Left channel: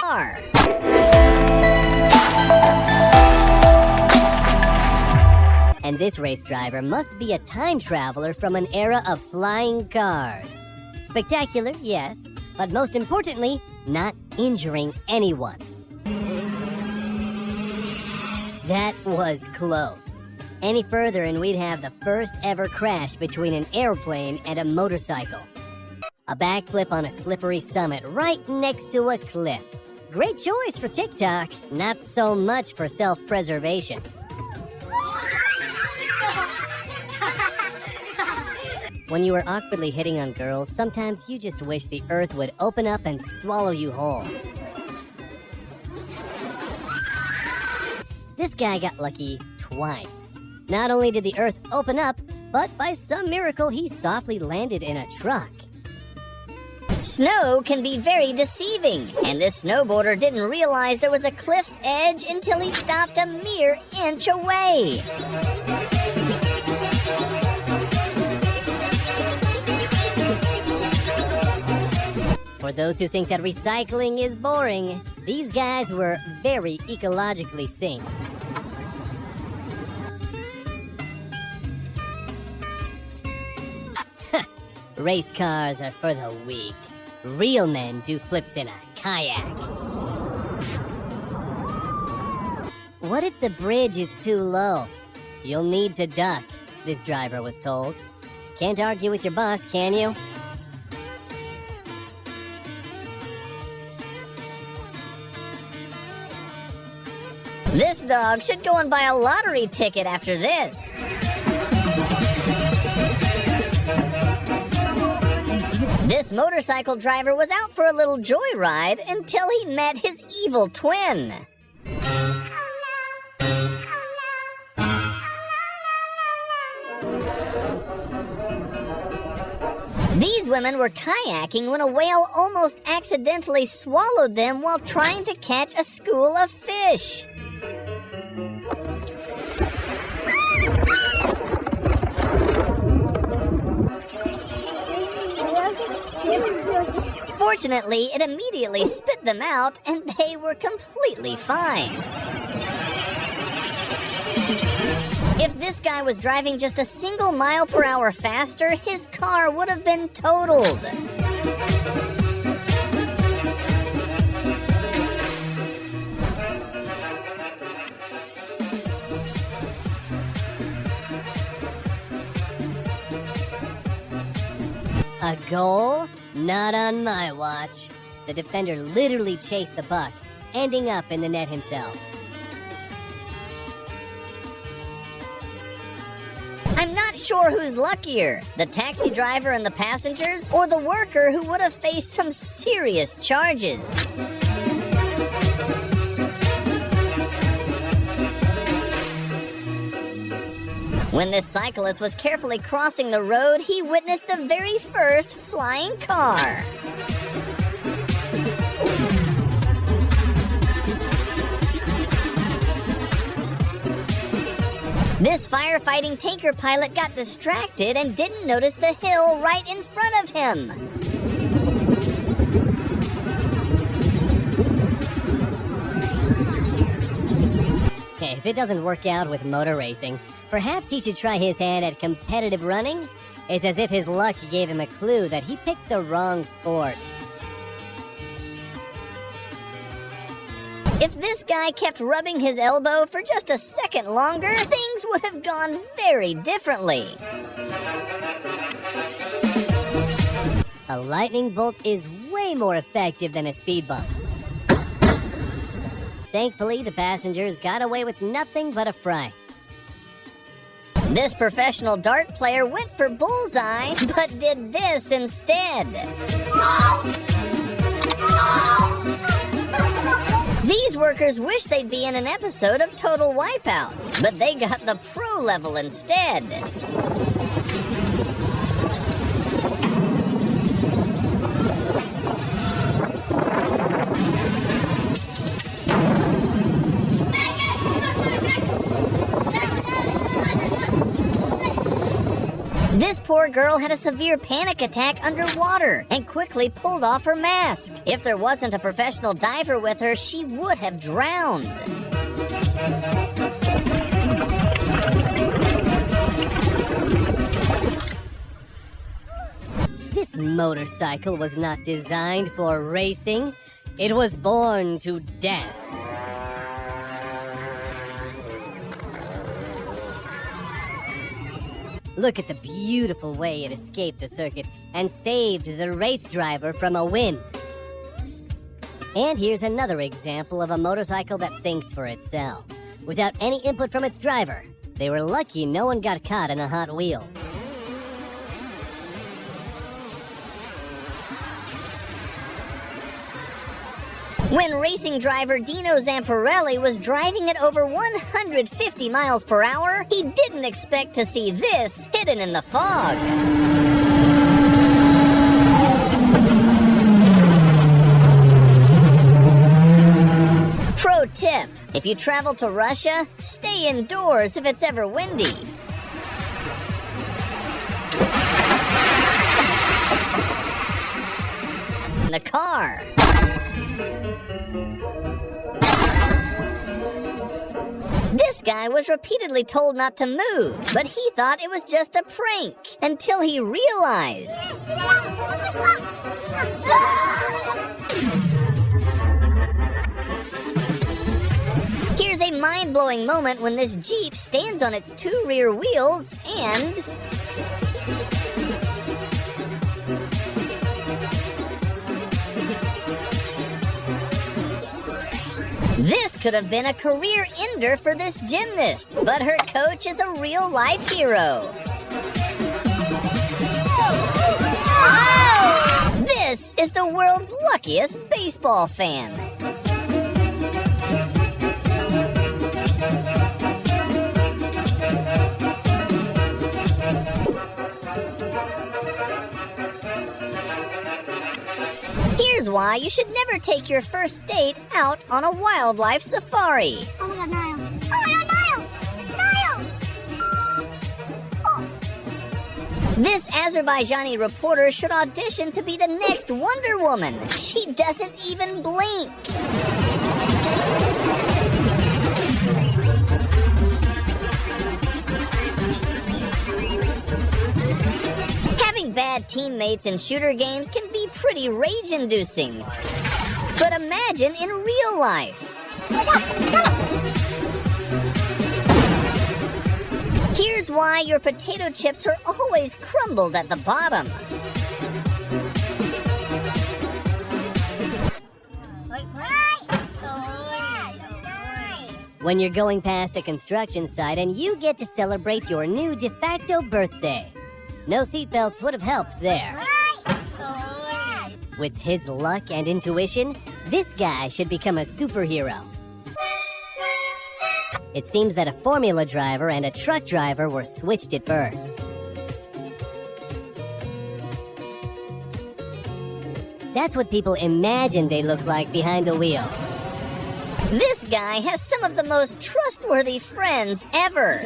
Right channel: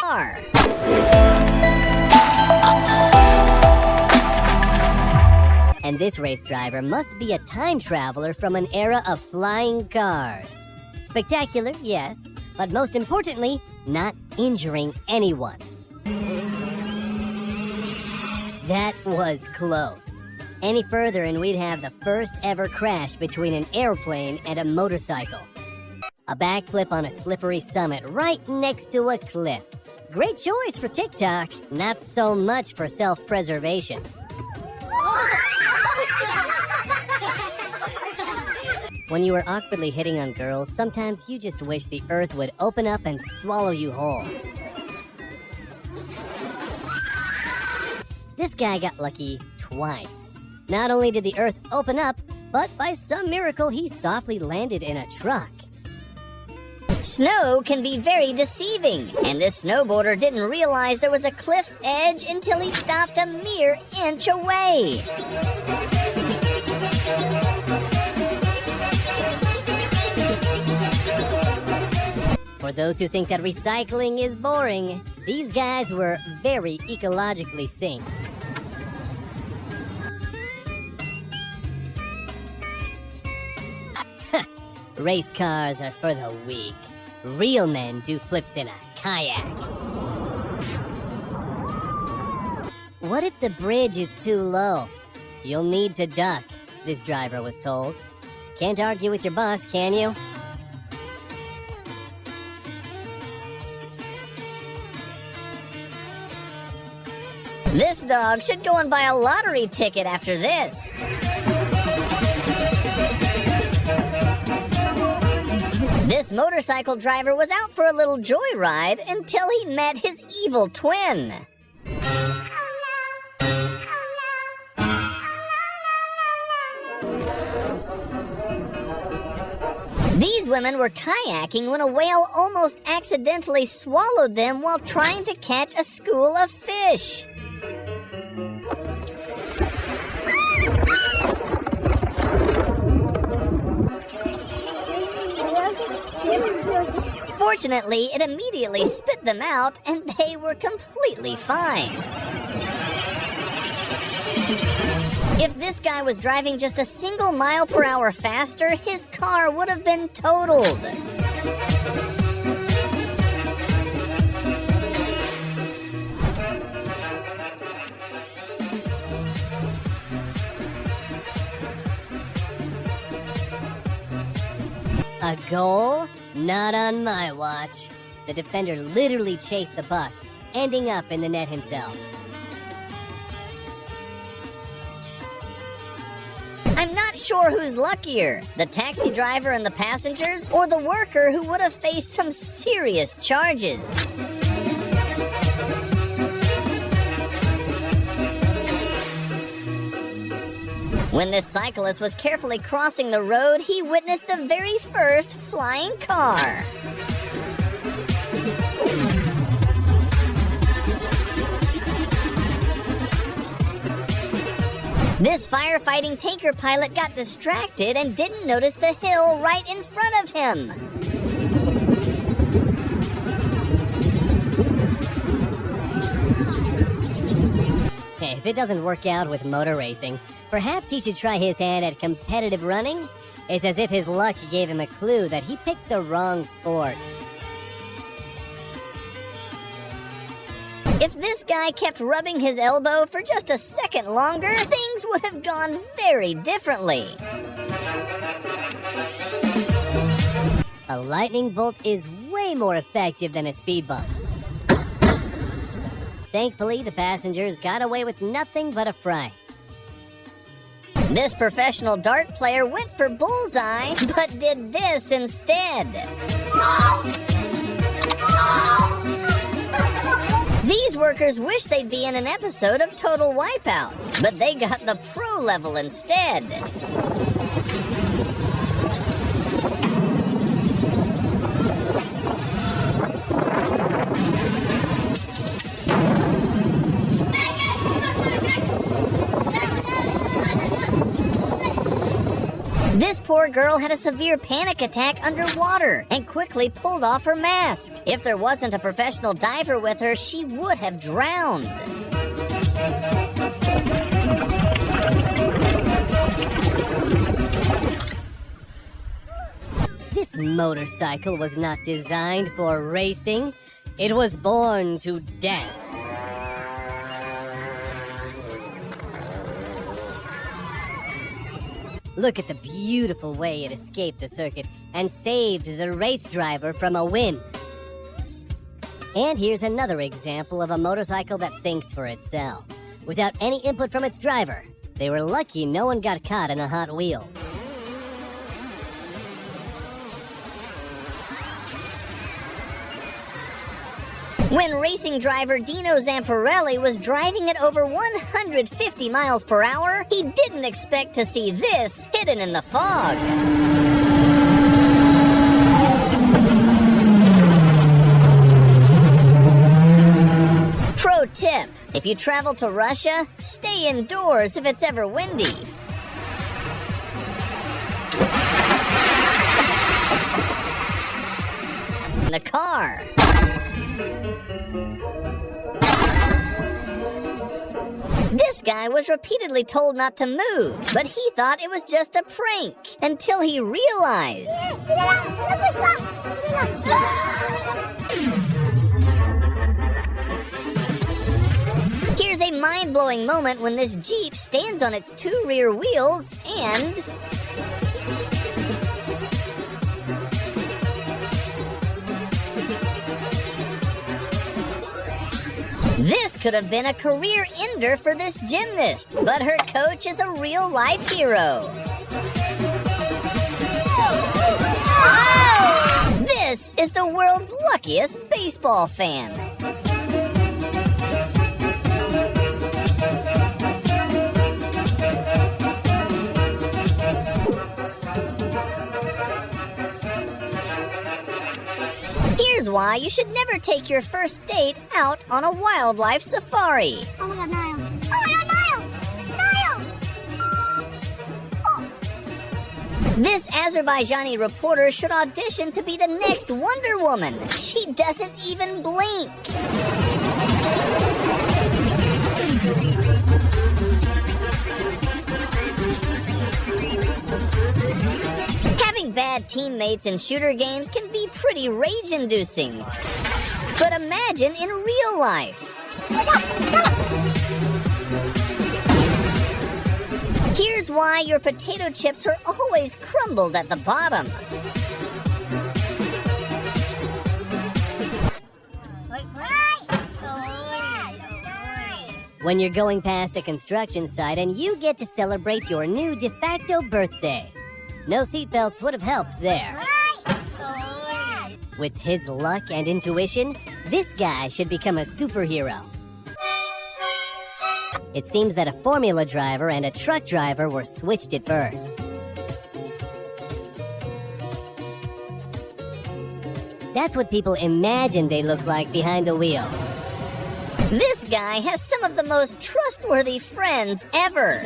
car. And this race driver must be a time traveler from an era of flying cars. Spectacular, yes, but most importantly, not injuring anyone. That was close. Any further and we'd have the first ever crash between an airplane and a motorcycle. A backflip on a slippery summit right next to a cliff. Great choice for TikTok, not so much for self-preservation. When you are awkwardly hitting on girls, sometimes you just wish the earth would open up and swallow you whole. This guy got lucky twice. Not only did the earth open up, but by some miracle he softly landed in a truck. Snow can be very deceiving, and this snowboarder didn't realize there was a cliff's edge until he stopped a mere inch away. For those who think that recycling is boring, these guys were very ecologically synced. Race cars are for the weak. Real men do flips in a kayak. What if the bridge is too low? You'll need to duck, this driver was told. Can't argue with your boss, can you? This dog should go and buy a lottery ticket after this. This motorcycle driver was out for a little joyride until he met his evil twin. These women were kayaking when a whale almost accidentally swallowed them while trying to catch a school of fish. Fortunately, it immediately spit them out, and they were completely fine. If this guy was driving just a single mile per hour faster, his car would have been totaled. A goal? Not on my watch. The defender literally chased the puck, ending up in the net himself. I'm not sure who's luckier, the taxi driver and the passengers, or the worker who would have faced some serious charges. When this cyclist was carefully crossing the road, he witnessed the very first flying car. This firefighting tanker pilot got distracted and didn't notice the hill right in front of him. Hey, if it doesn't work out with motor racing, perhaps he should try his hand at competitive running. It's as if his luck gave him a clue that he picked the wrong sport. If this guy kept rubbing his elbow for just a second longer, things would have gone very differently. A lightning bolt is way more effective than a speed bump. Thankfully, the passengers got away with nothing but a fright. This professional dart player went for bullseye, but did this instead. These workers wish they'd be in an episode of Total Wipeout, but they got the pro level instead. This poor girl had a severe panic attack underwater and quickly pulled off her mask. If there wasn't a professional diver with her, she would have drowned. This motorcycle was not designed for racing. It was born to dance. Look at the beautiful way it escaped the circuit and saved the race driver from a win. And here's another example of a motorcycle that thinks for itself, without any input from its driver. They were lucky no one got caught in the Hot Wheels. When racing driver Dino Zamparelli was driving at over 150 miles per hour, he didn't expect to see this hidden in the fog. Pro tip, if you travel to Russia, stay indoors if it's ever windy. The car. This guy was repeatedly told not to move, but he thought it was just a prank until he realized. Here's a mind-blowing moment when this Jeep stands on its two rear wheels and... This could have been a career ender for this gymnast, but her coach is a real-life hero. This is the world's luckiest baseball fan. Here's why you should never take your first date out on a wildlife safari. Oh my God, Niall! This Azerbaijani reporter should audition to be the next Wonder Woman. She doesn't even blink. Bad teammates in shooter games can be pretty rage-inducing. But imagine in real life. Here's why your potato chips are always crumbled at the bottom. When you're going past a construction site and you get to celebrate your new de facto birthday. No seatbelts would have helped there. With his luck and intuition, this guy should become a superhero. It seems that a formula driver and a truck driver were switched at birth. That's what people imagine they look like behind the wheel. This guy has some of the most trustworthy friends ever.